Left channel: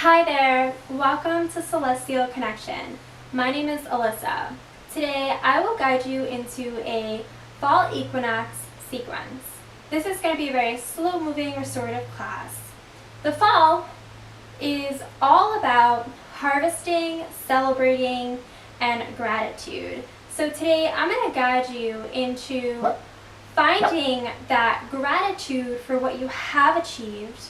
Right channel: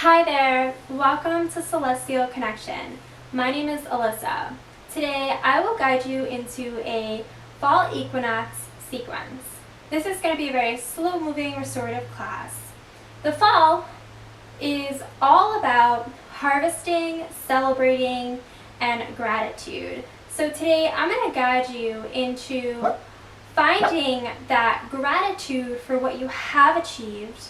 Hi there, welcome to Celestial Connection. My name is Alyssa. Today I will guide you into a fall equinox sequence. This is going to be a very slow moving restorative class. The fall is all about harvesting, celebrating, and gratitude. So today I'm going to guide you into finding that gratitude for what you have achieved,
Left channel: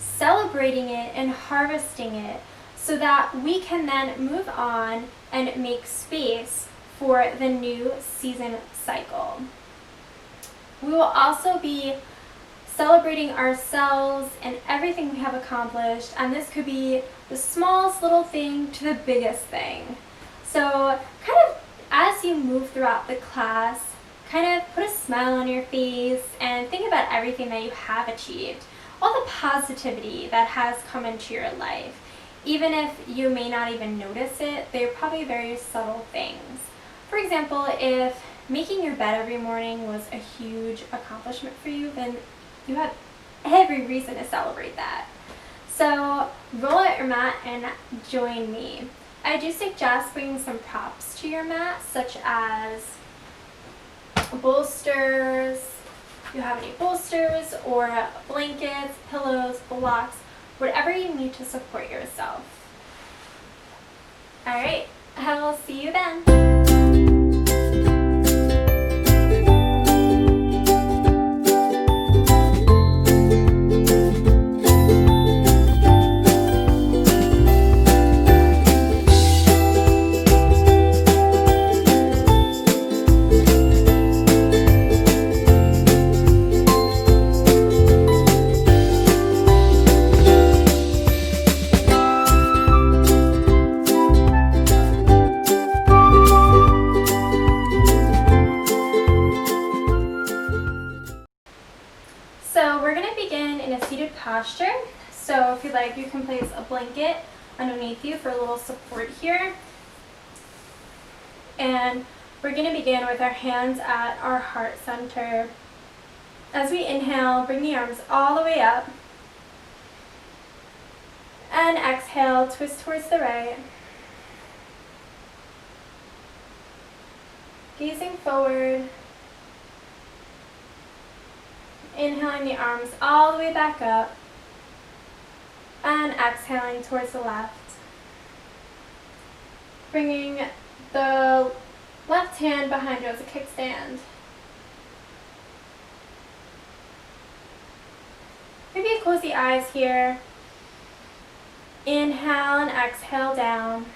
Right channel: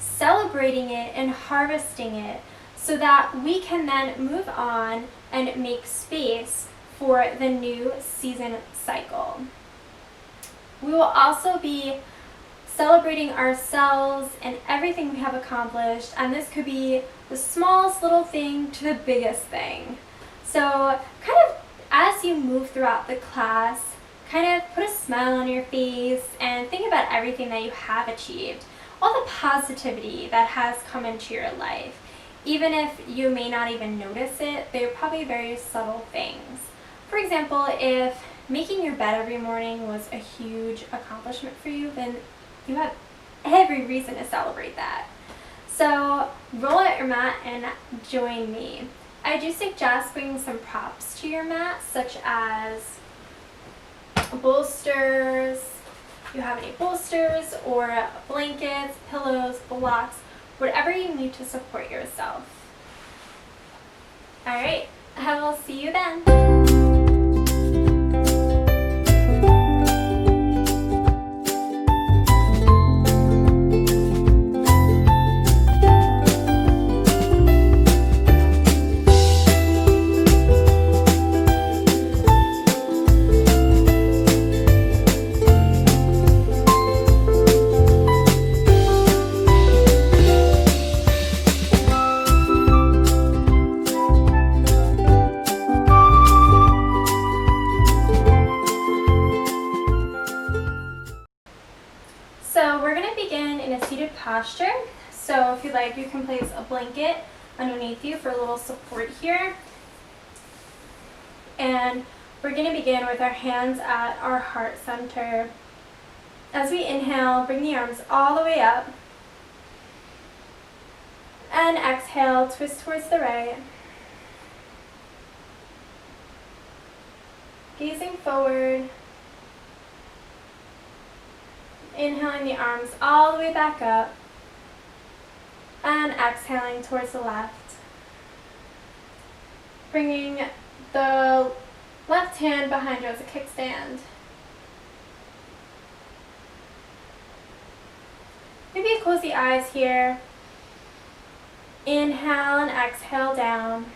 celebrating it and harvesting it so that we can then move on and make space for the new season cycle. We will also be celebrating ourselves and everything we have accomplished, and this could be the smallest little thing to the biggest thing. So kind of as you move throughout the class, kind of put a smile on your face and think about everything that you have achieved, all the positivity that has come into your life. Even if you may not even notice it, they're probably very subtle things. For example, if making your bed every morning was a huge accomplishment for you, then you have every reason to celebrate that. So roll out your mat and join me. I do suggest bringing some props to your mat, such as bolsters. You have any bolsters or blankets, pillows, blocks, whatever you need to support yourself. All right, I will see you then. So we're going to begin in a seated posture. So if you'd like, you can place a blanket underneath you for a little support here. And we're going to begin with our hands at our heart center. As we inhale, bring the arms all the way up. And exhale, twist towards the right. Gazing forward. Inhaling the arms all the way back up and exhaling towards the left. Bringing the left hand behind you as a kickstand. Maybe close the eyes here. Inhale and exhale down.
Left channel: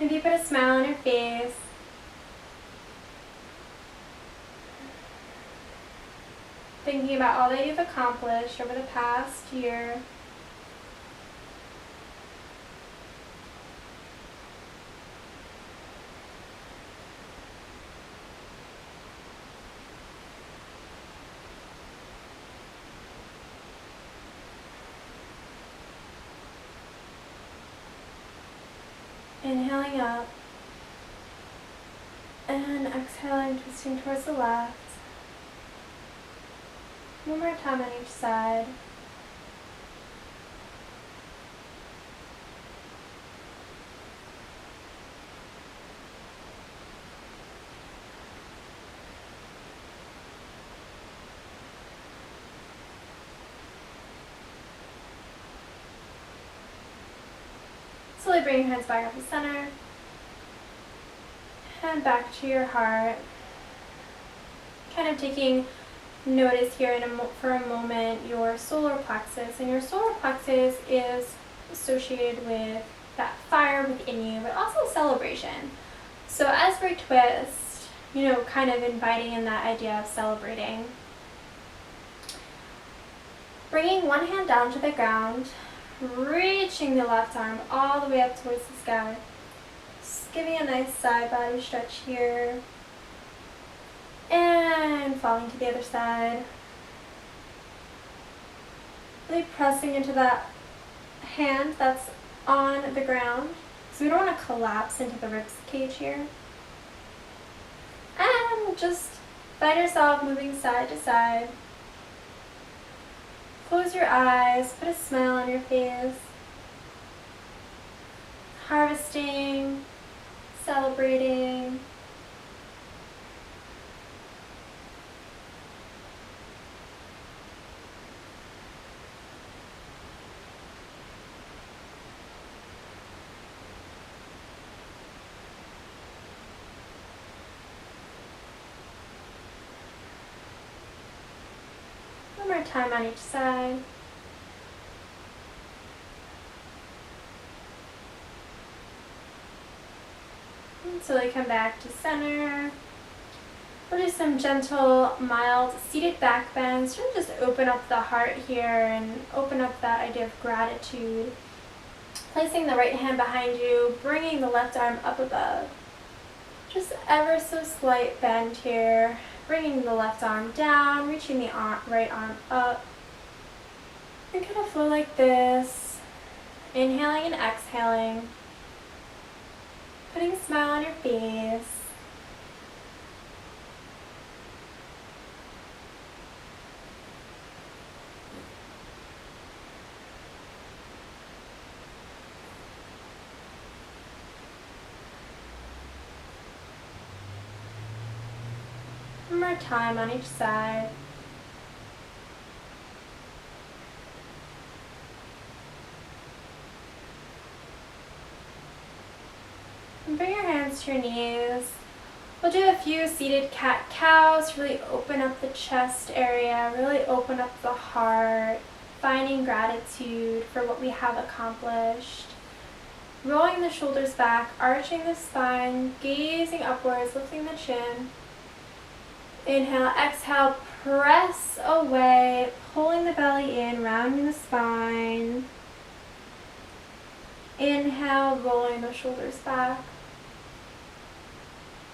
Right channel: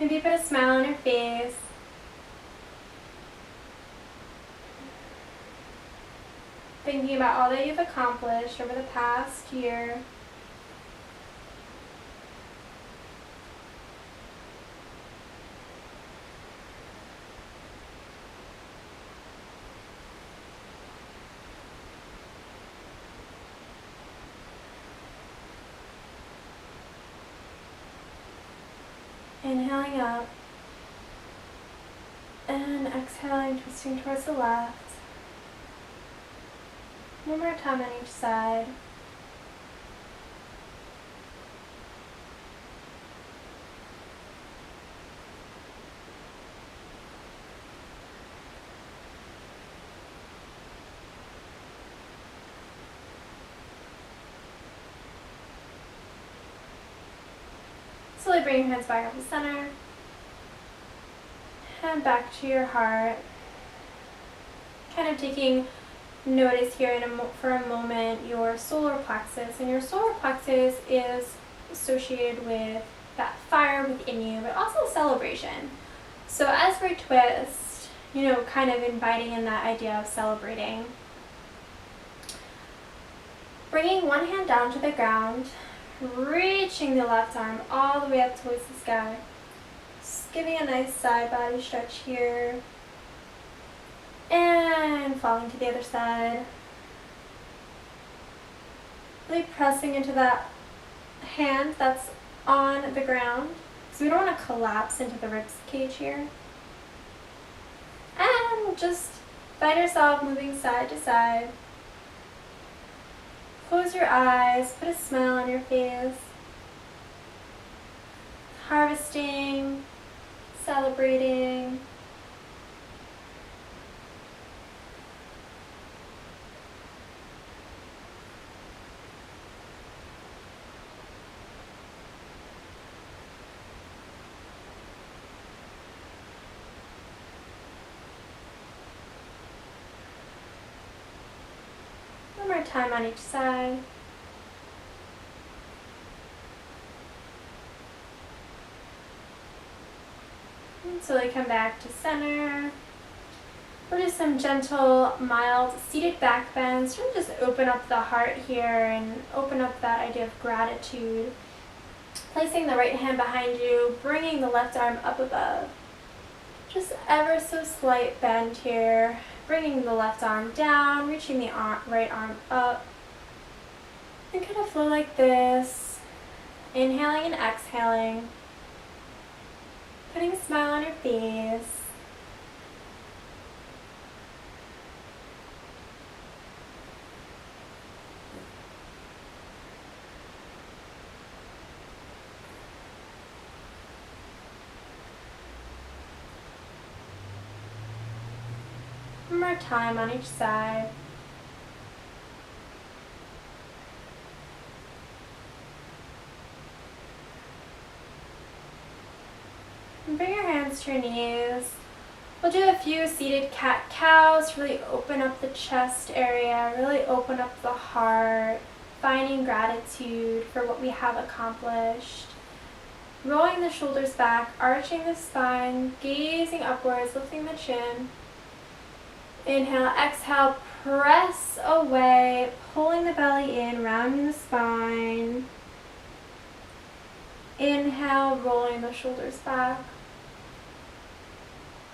Maybe put a smile on your face. Thinking about all that you've accomplished over the past year. Inhaling up and exhaling, twisting towards the left. One more time on each side. Slowly bring your hands back up to center and back to your heart. Kind of taking notice here for a moment your solar plexus. And your solar plexus is associated with that fire within you, but also celebration. So as we twist, kind of inviting in that idea of celebrating. Bringing one hand down to the ground, reaching the left arm all the way up towards the sky. Just giving a nice side body stretch here. And falling to the other side. Really pressing into that hand that's on the ground. because we don't want to collapse into the rib cage here. And just find yourself moving side to side. Close your eyes, put a smile on your face. Harvesting, celebrating. One more time on each side. And slowly come back to center. We'll do some gentle, mild seated back bends. Really just open up the heart here and open up that idea of gratitude. Placing the right hand behind you, bringing the left arm up above. Just ever so slight bend here. Bringing the left arm down, reaching the right arm up. And kind of flow like this. Inhaling and exhaling. Putting a smile on your face. One more time on each side. And bring your hands to your knees. We'll do a few seated cat-cows to really open up the chest area, really open up the heart, finding gratitude for what we have accomplished. Rolling the shoulders back, arching the spine, gazing upwards, lifting the chin. Inhale, exhale, press away, pulling the belly in, rounding the spine. Inhale, rolling the shoulders back.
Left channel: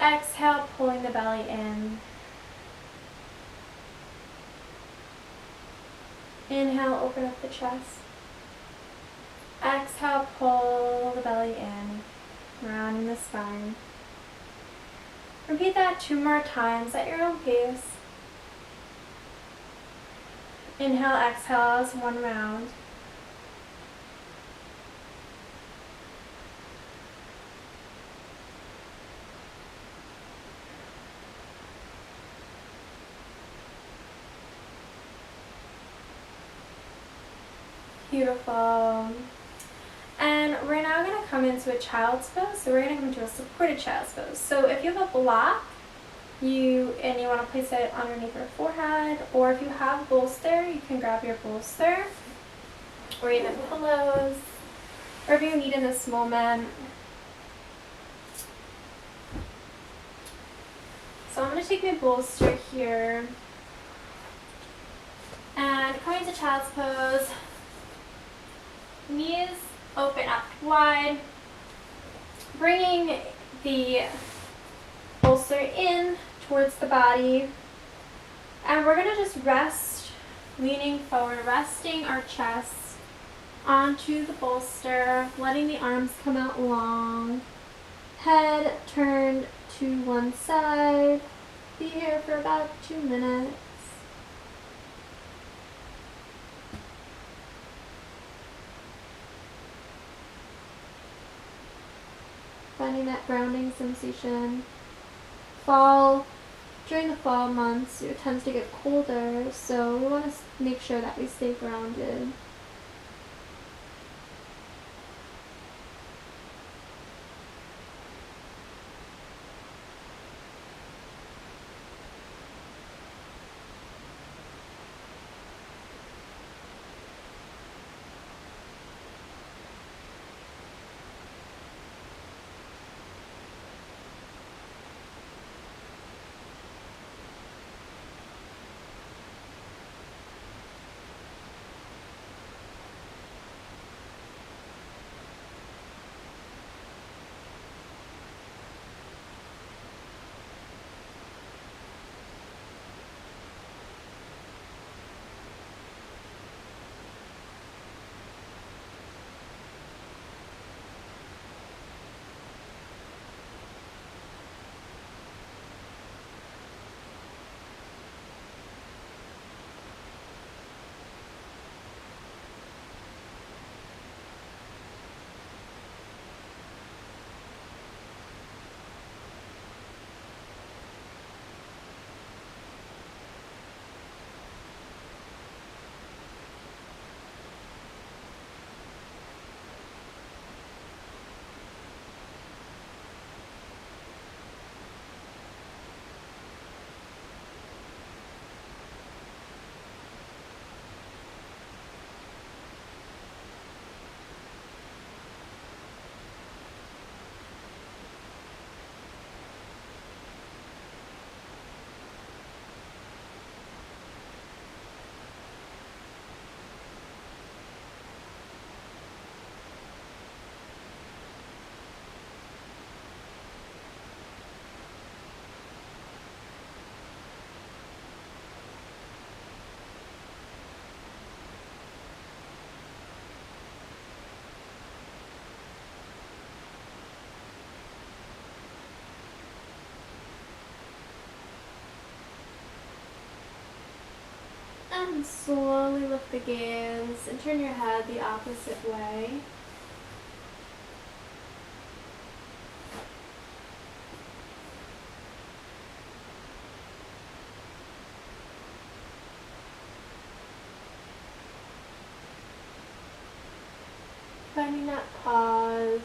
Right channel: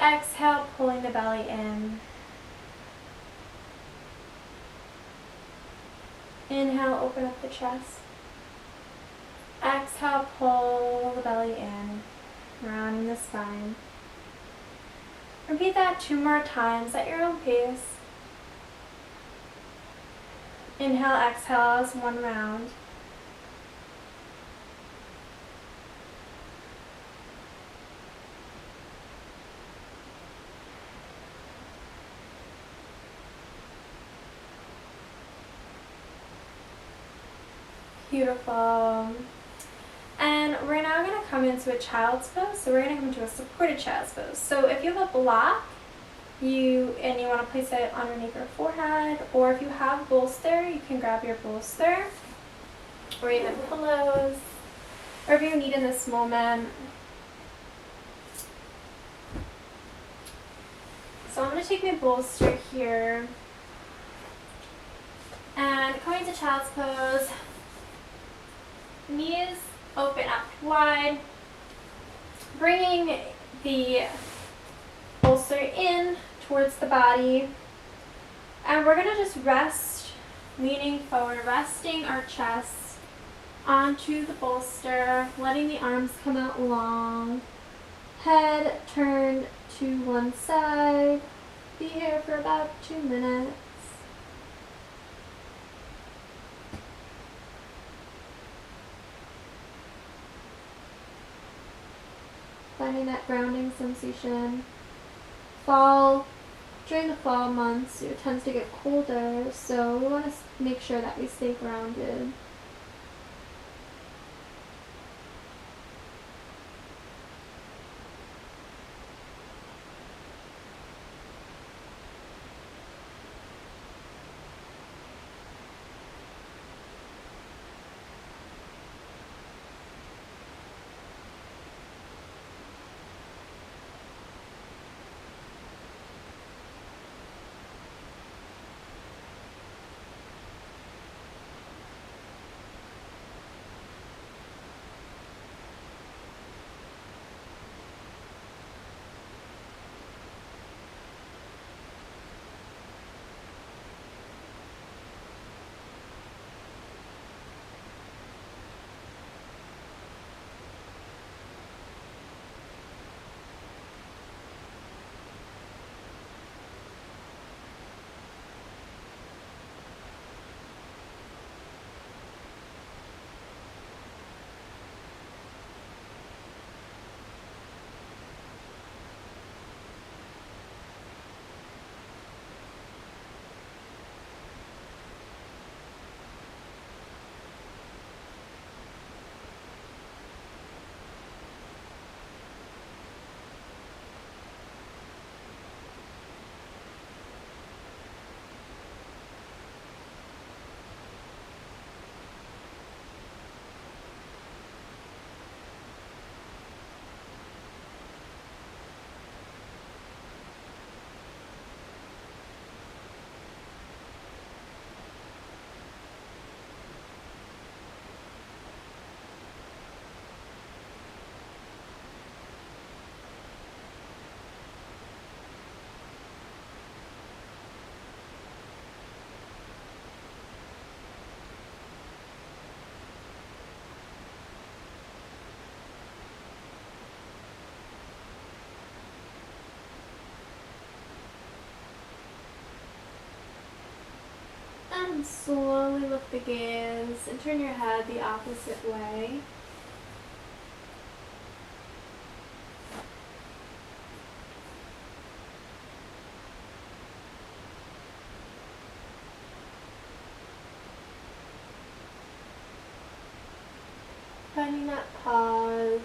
Exhale, pulling the belly in. Inhale, open up the chest. Exhale, pull the belly in, rounding the spine. Repeat that 2 more times at your own pace. Inhale, exhale as 1 round. Beautiful. And we're now going to come into a child's pose. So we're going to come into a supported child's pose. So if you have a block, you want to place it underneath your forehead, or if you have bolster, you can grab your bolster, or even pillows, whatever you need in this moment. So I'm going to take my bolster here, and coming to child's pose, knees open up wide, bringing the bolster in towards the body, and we're going to just rest, leaning forward, resting our chest onto the bolster, letting the arms come out long, head turned to one side. Be here for about 2 minutes. Finding that grounding sensation. During the fall months, it tends to get colder, so we want to make sure that we stay grounded. And slowly lift the gaze and turn your head the opposite way. Finding that pause.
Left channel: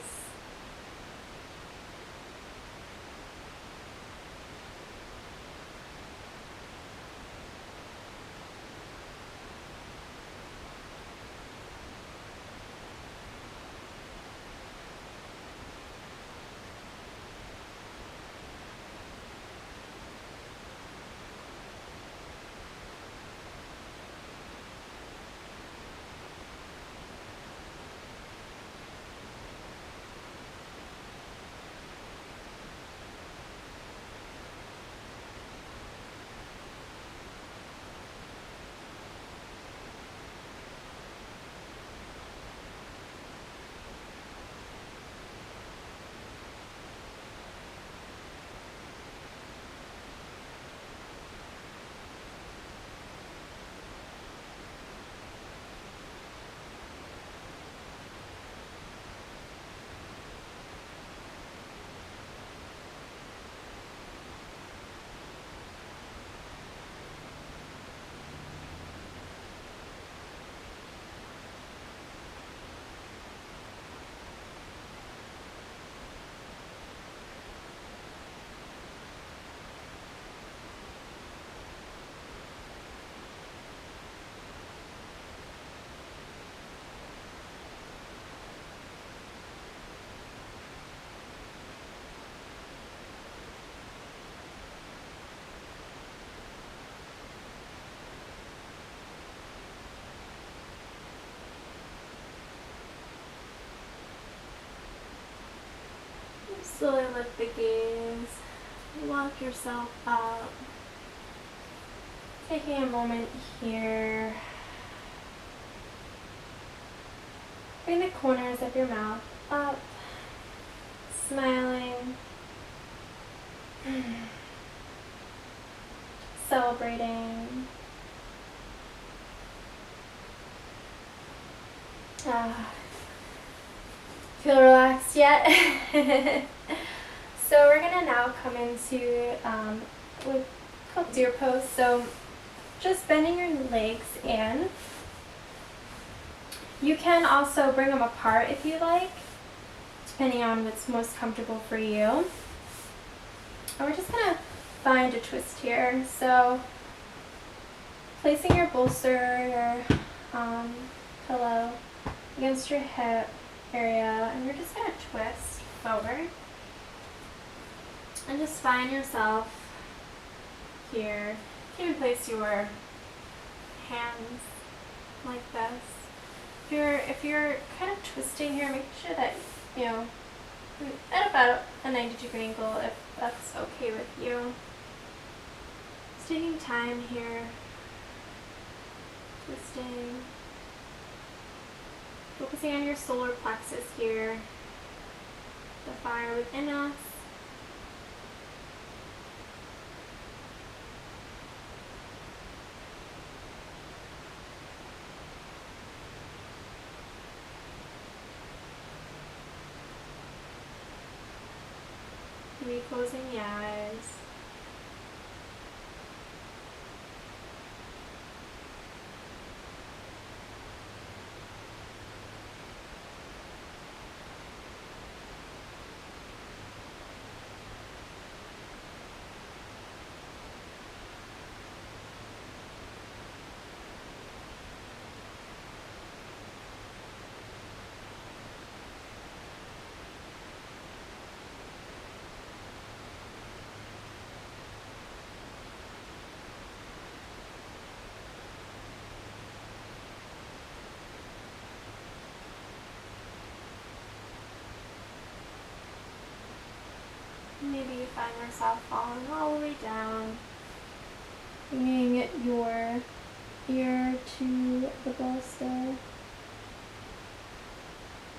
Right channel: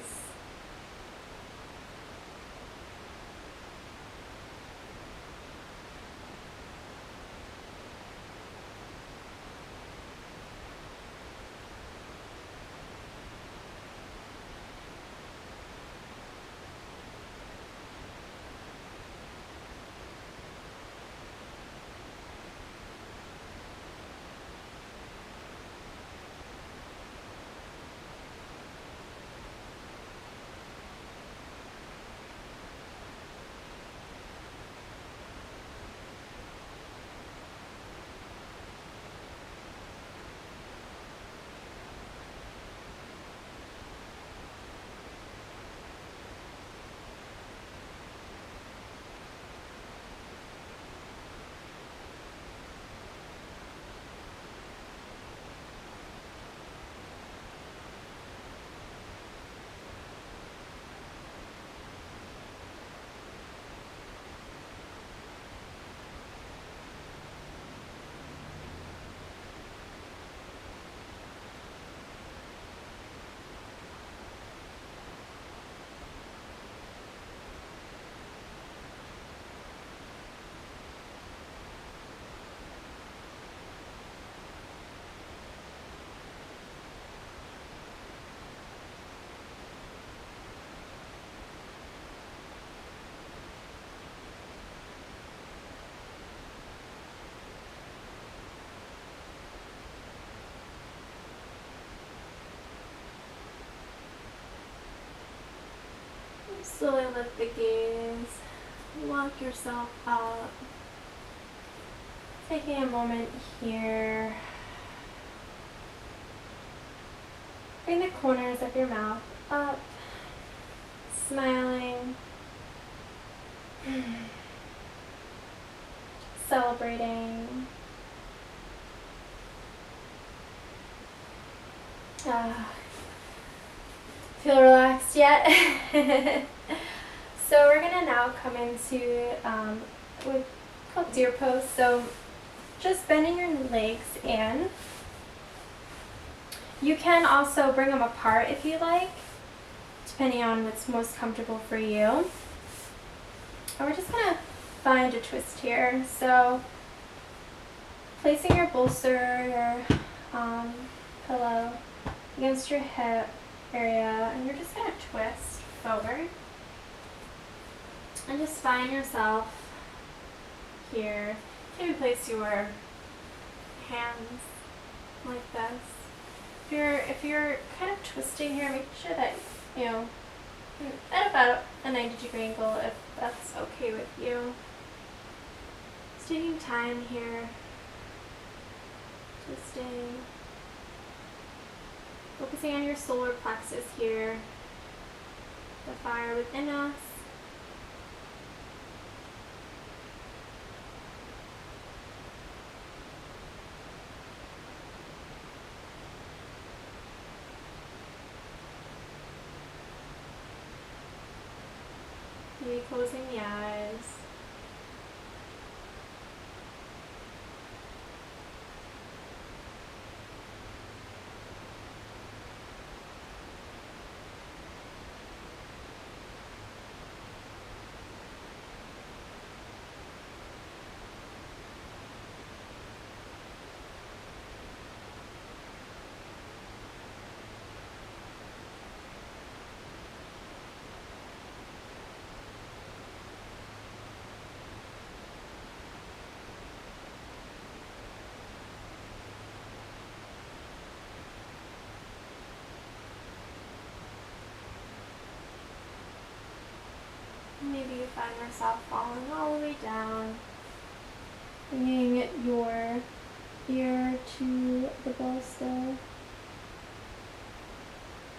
Slowly lift the gaze, walk yourself up. Taking a moment here. Bring the corners of your mouth up, smiling, celebrating. Feel relaxed yet? So we're gonna now come into what's called deer pose. So just bending your legs in. You can also bring them apart if you like, depending on what's most comfortable for you. And we're just gonna find a twist here. So placing your bolster, your pillow against your hip area, and you're just gonna twist forward. And just find yourself here. You can even place your hands like this. If you're kind of twisting here, make sure that, you know, at about a 90-degree angle, if that's okay with you. Just taking time here, twisting, focusing on your solar plexus here, the fire within us. Maybe closing the eyes. Maybe you find yourself falling all the way down, bringing your ear to the bolster,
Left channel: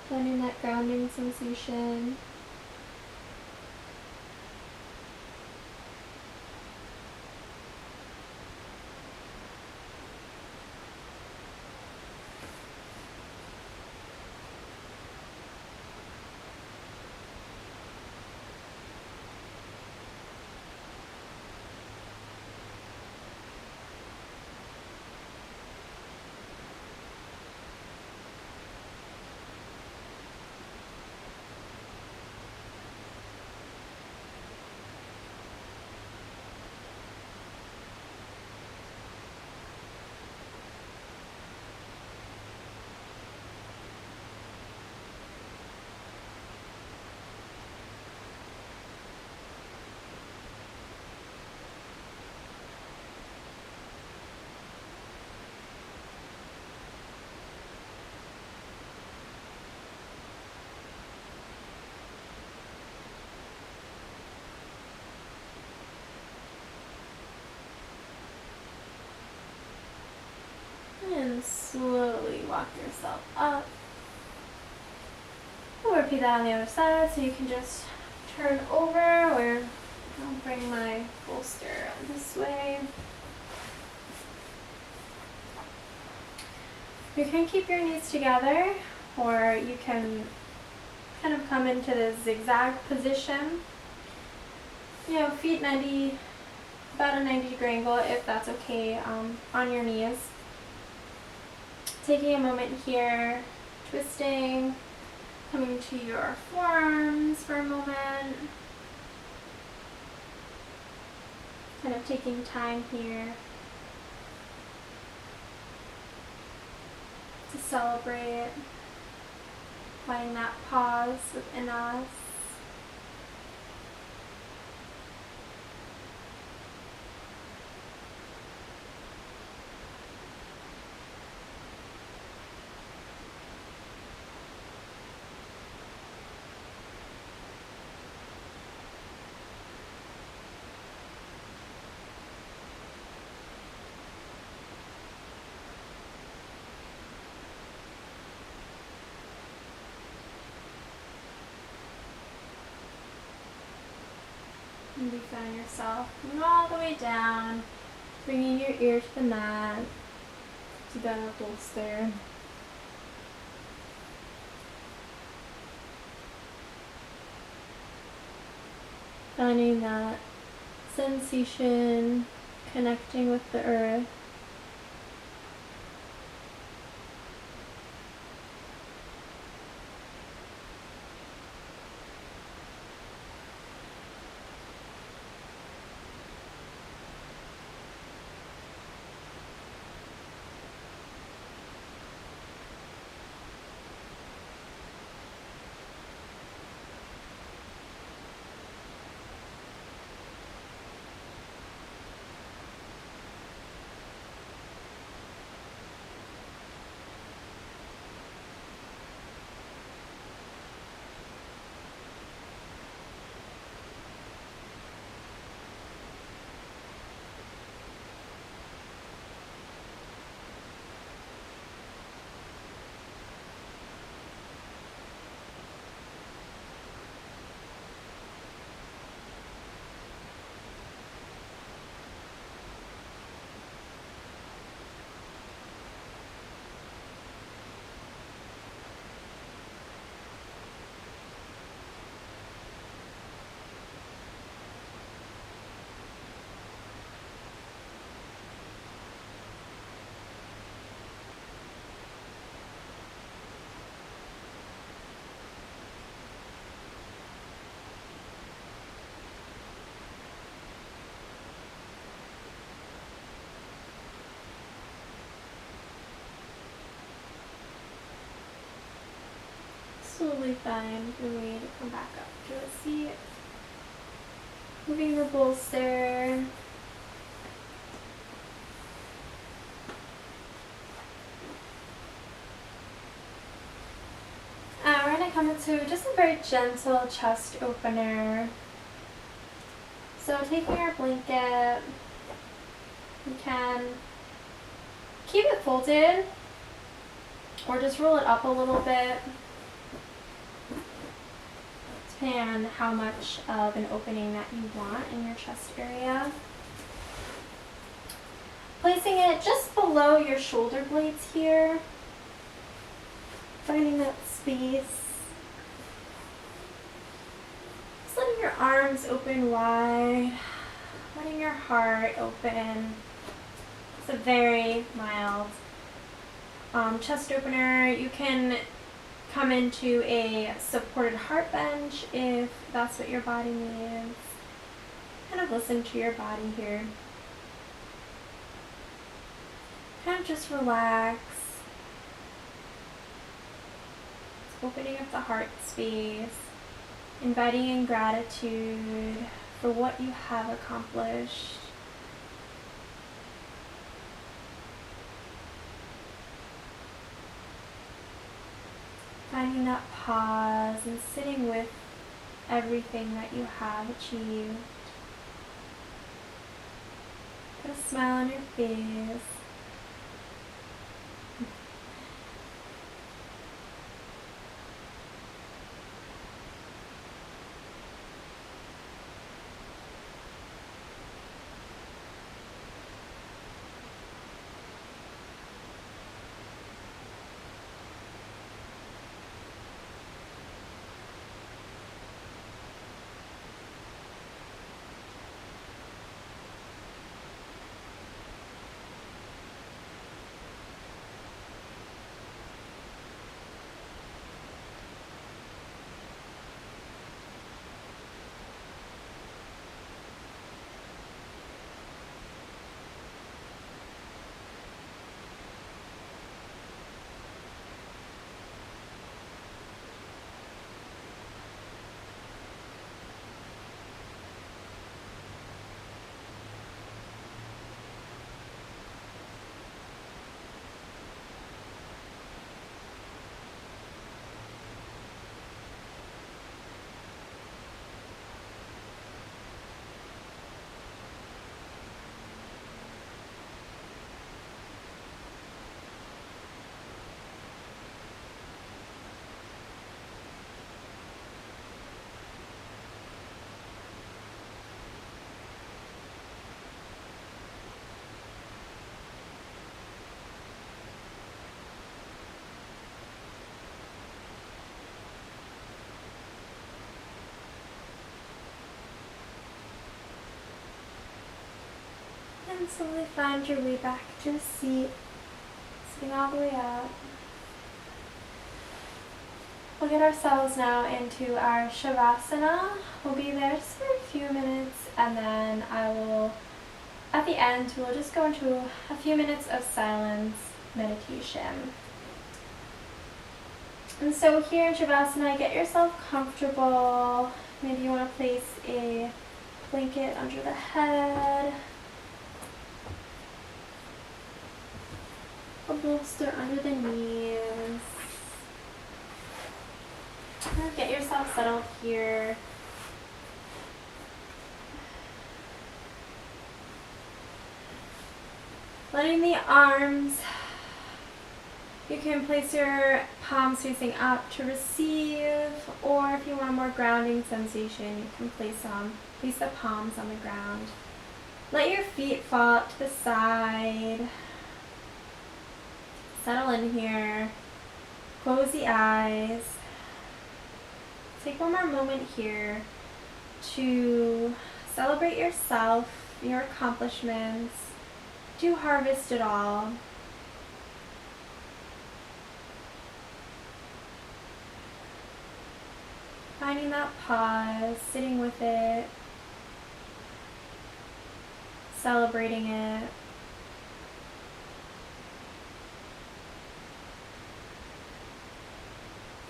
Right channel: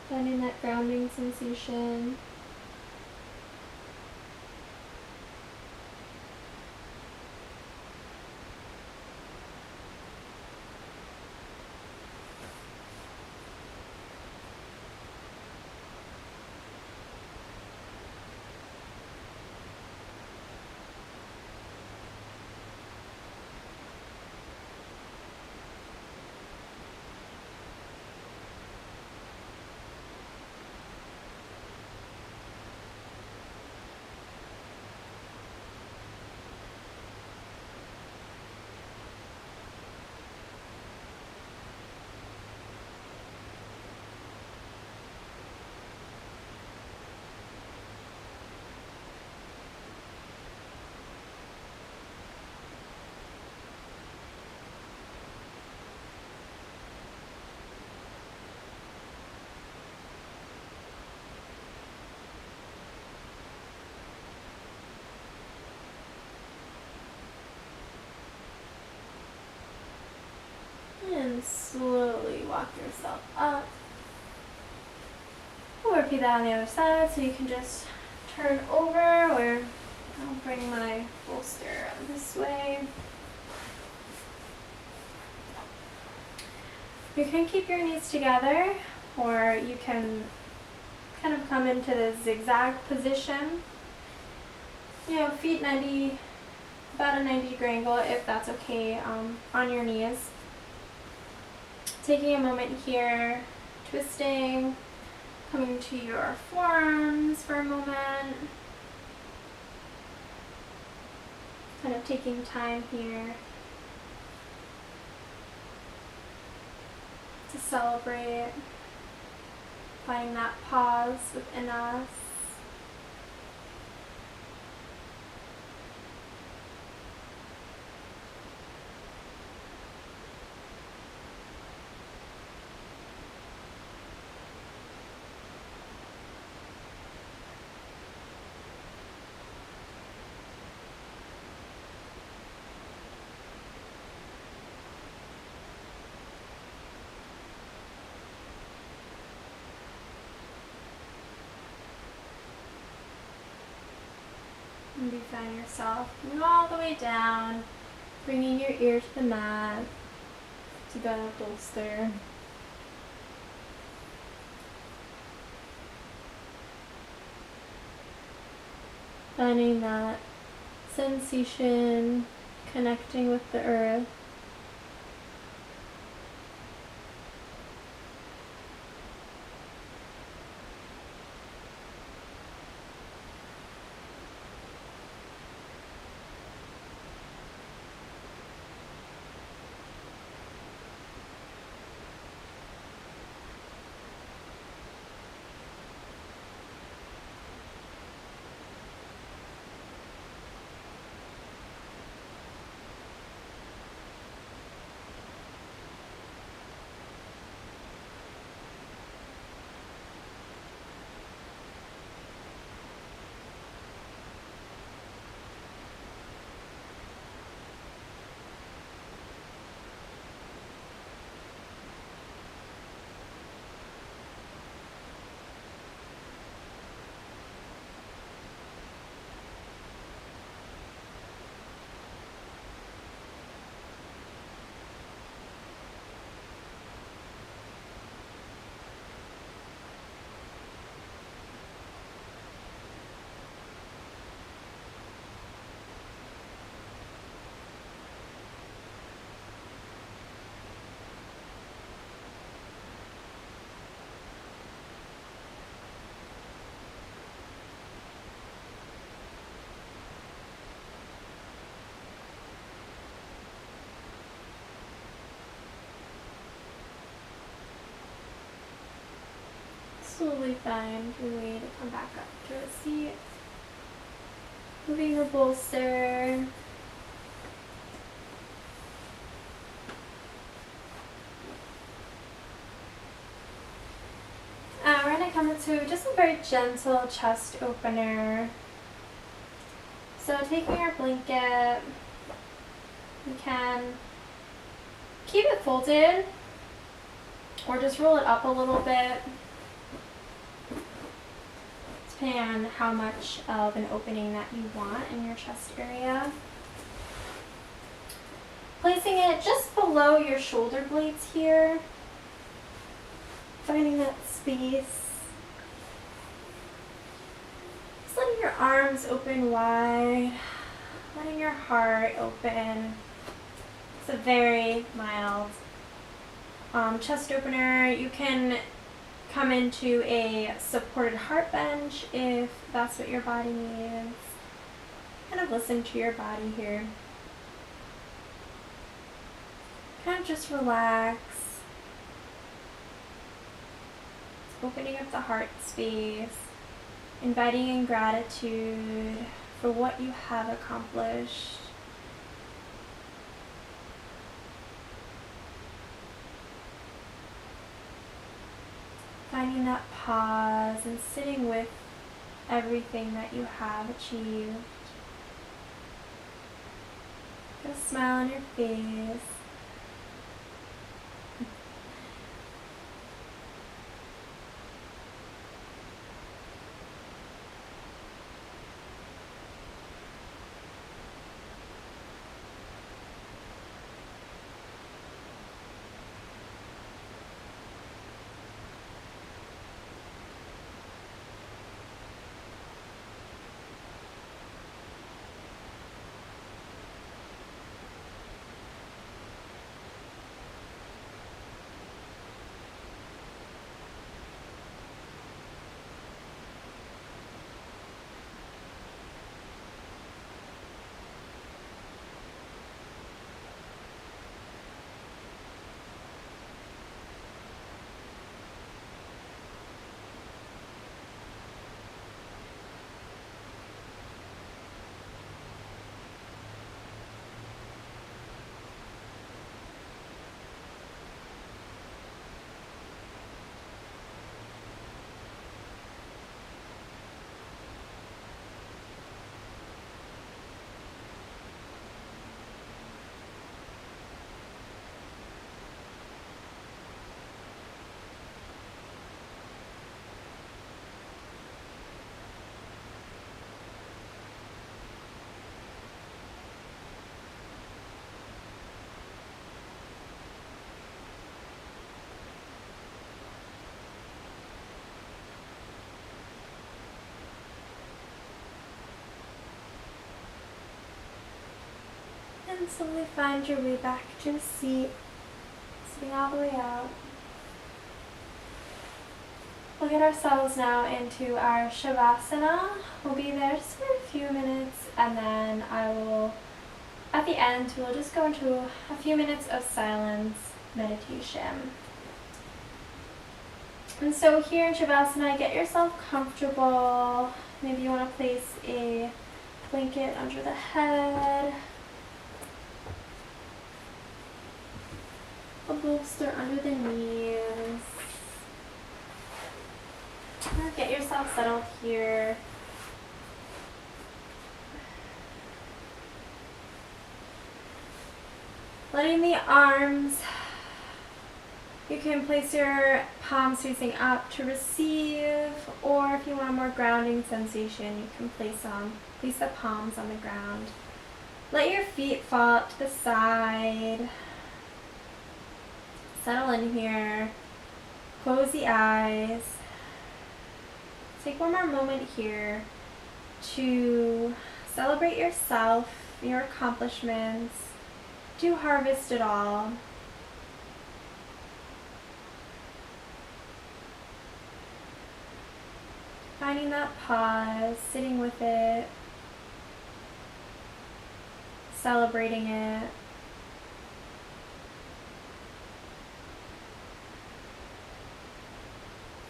finding that grounding sensation. And slowly walk yourself up. We'll repeat that on the other side, so you can just turn over, or I'll bring my bolster this way. You can keep your knees together, or you can kind of come into the zigzag position. You know, feet 90, about a 90-degree angle if that's okay, on your knees. Taking a moment here, twisting, coming to your forearms for a moment. Kind of taking time here to celebrate, finding that pause within us. Maybe find yourself moving all the way down, bringing your ear to the mat, to the bolster. Finding that sensation, connecting with the earth. Slowly find your way to come back up to a seat. Moving your bolster. We're going to come into just a very gentle chest opener. So taking your blanket, you can keep it folded or just roll it up a little bit, depending on how much of an opening that you want in your chest area. Placing it just below your shoulder blades here, finding that space. Just letting your arms open wide, letting your heart open. It's a very mild chest opener. You can come into a supported heart bench if that's what your body needs. Kind of listen to your body here. Kind of just relax. Opening up the heart space. Inviting in gratitude for what you have accomplished. Finding that pause and sitting with everything that you have achieved. Put a smile on your face. And slowly find your way back to a seat, sitting all the way up. We'll get ourselves now into our Shavasana. We'll be there just for a few minutes, and then at the end, we'll just go into a few minutes of silence meditation. And so here in Shavasana, get yourself comfortable. Maybe you want to place a blanket under the head, a bolster under the knees. Get yourself settled here. Letting the arms, you can place your palms facing up to receive, or if you want a more grounding sensation, you can place the palms on the ground. Let your feet fall to the side. Settle in here. Close the eyes. Take one more moment here to celebrate yourself, your accomplishments, to harvest it all. Finding that pause, sitting with it, celebrating it.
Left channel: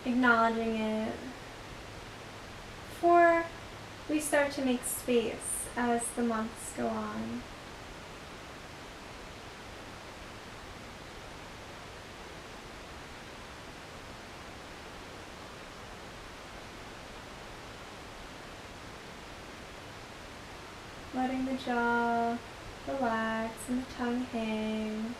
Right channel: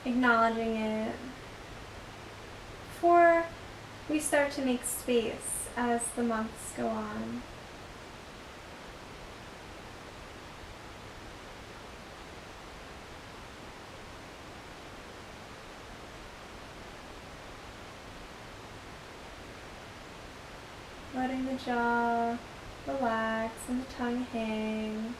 Acknowledging it. Before we start to make space as the months go on. Letting the jaw relax and the tongue hang.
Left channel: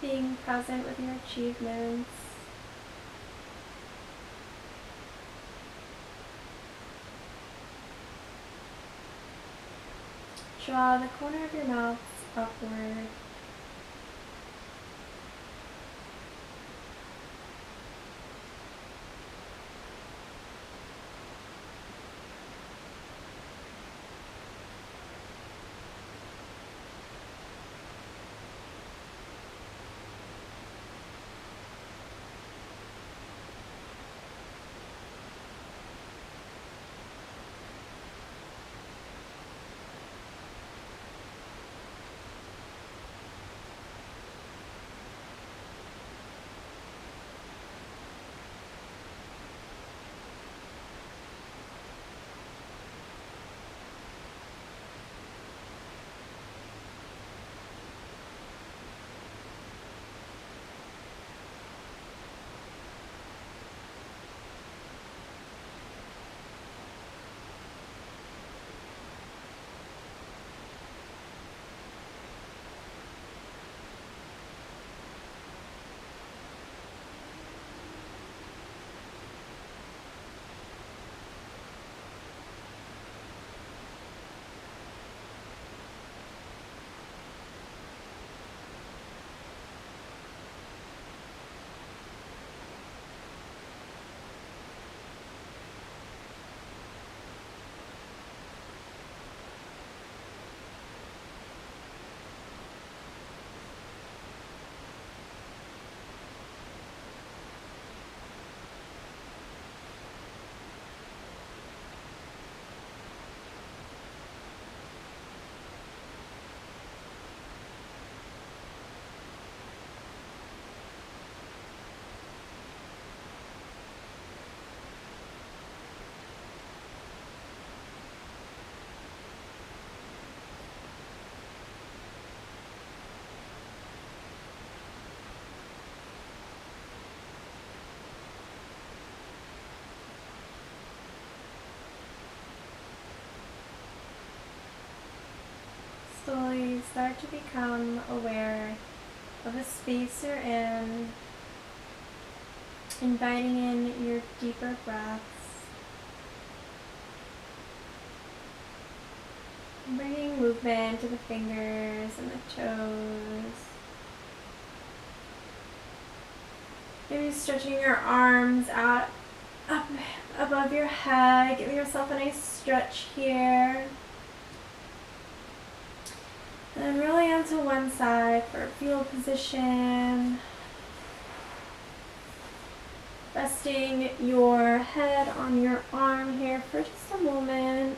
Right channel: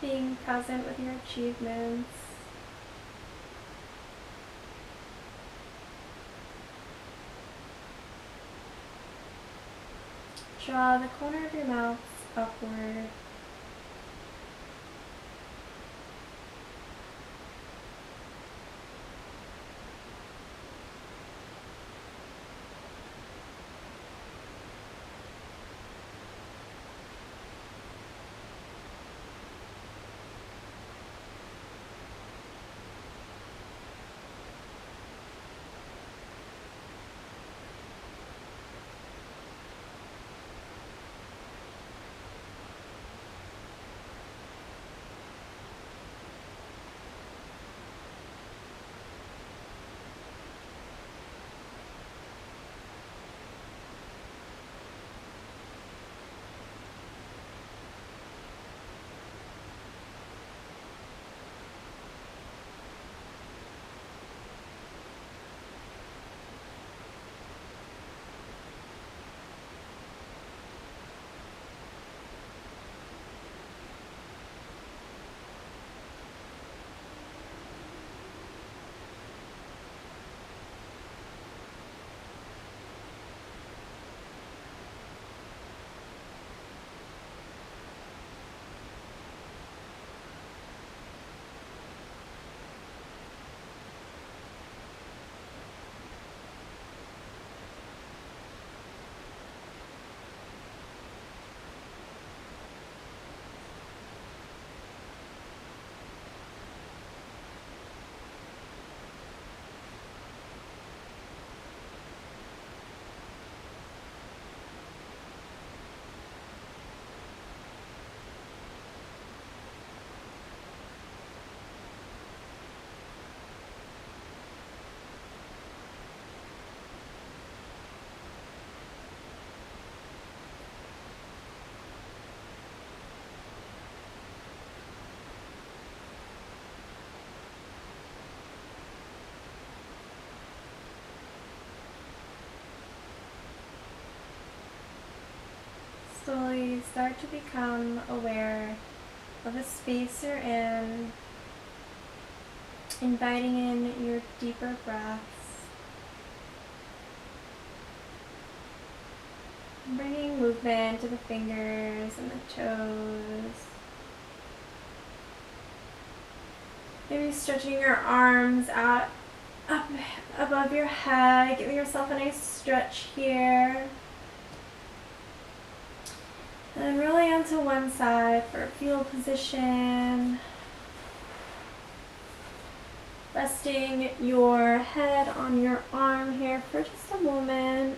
Being present with your achievements. Draw the corner of your mouth upward. slowly start to become aware of the space you're in, inviting in your deeper breaths, bringing movement to the fingers and the toes. Maybe stretching your arms out up above your head, giving yourself a nice stretch here. And then rolling onto one side for a fetal position. Resting your head on your arm here for just a moment.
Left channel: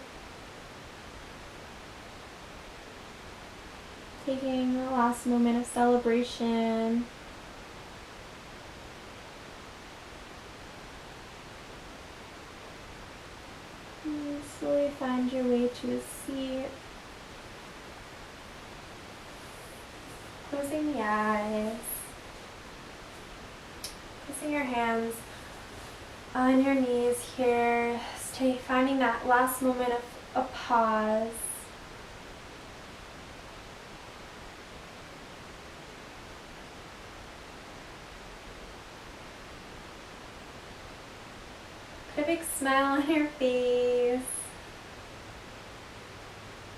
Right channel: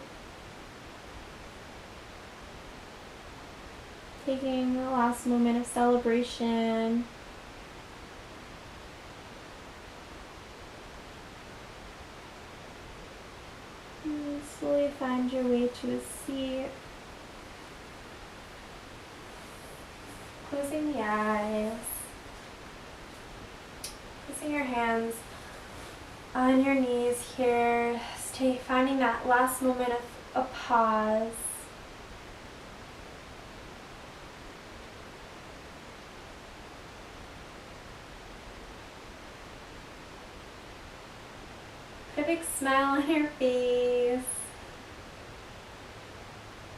Taking the last moment of celebration. And slowly find your way to a seat. Closing the eyes. Placing your hands on your knees here. Finding that last moment of a pause. Put a big smile on your face.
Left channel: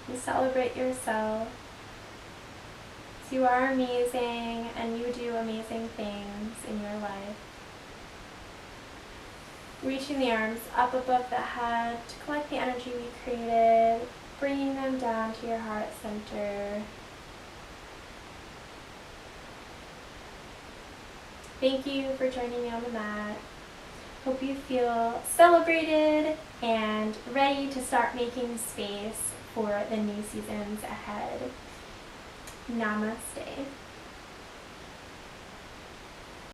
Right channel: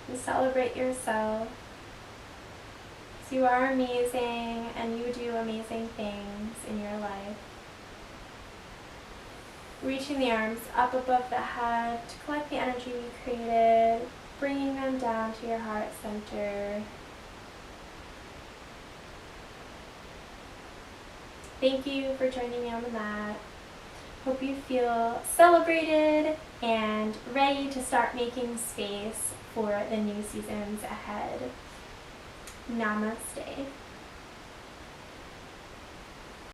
And celebrate yourself. You are amazing and you do amazing things in your life. Reaching the arms up above the head to collect the energy we created, bringing them down to your heart center. Thank you for joining me on the mat. Hope you feel celebrated and ready to start making space for the new seasons ahead. Namaste.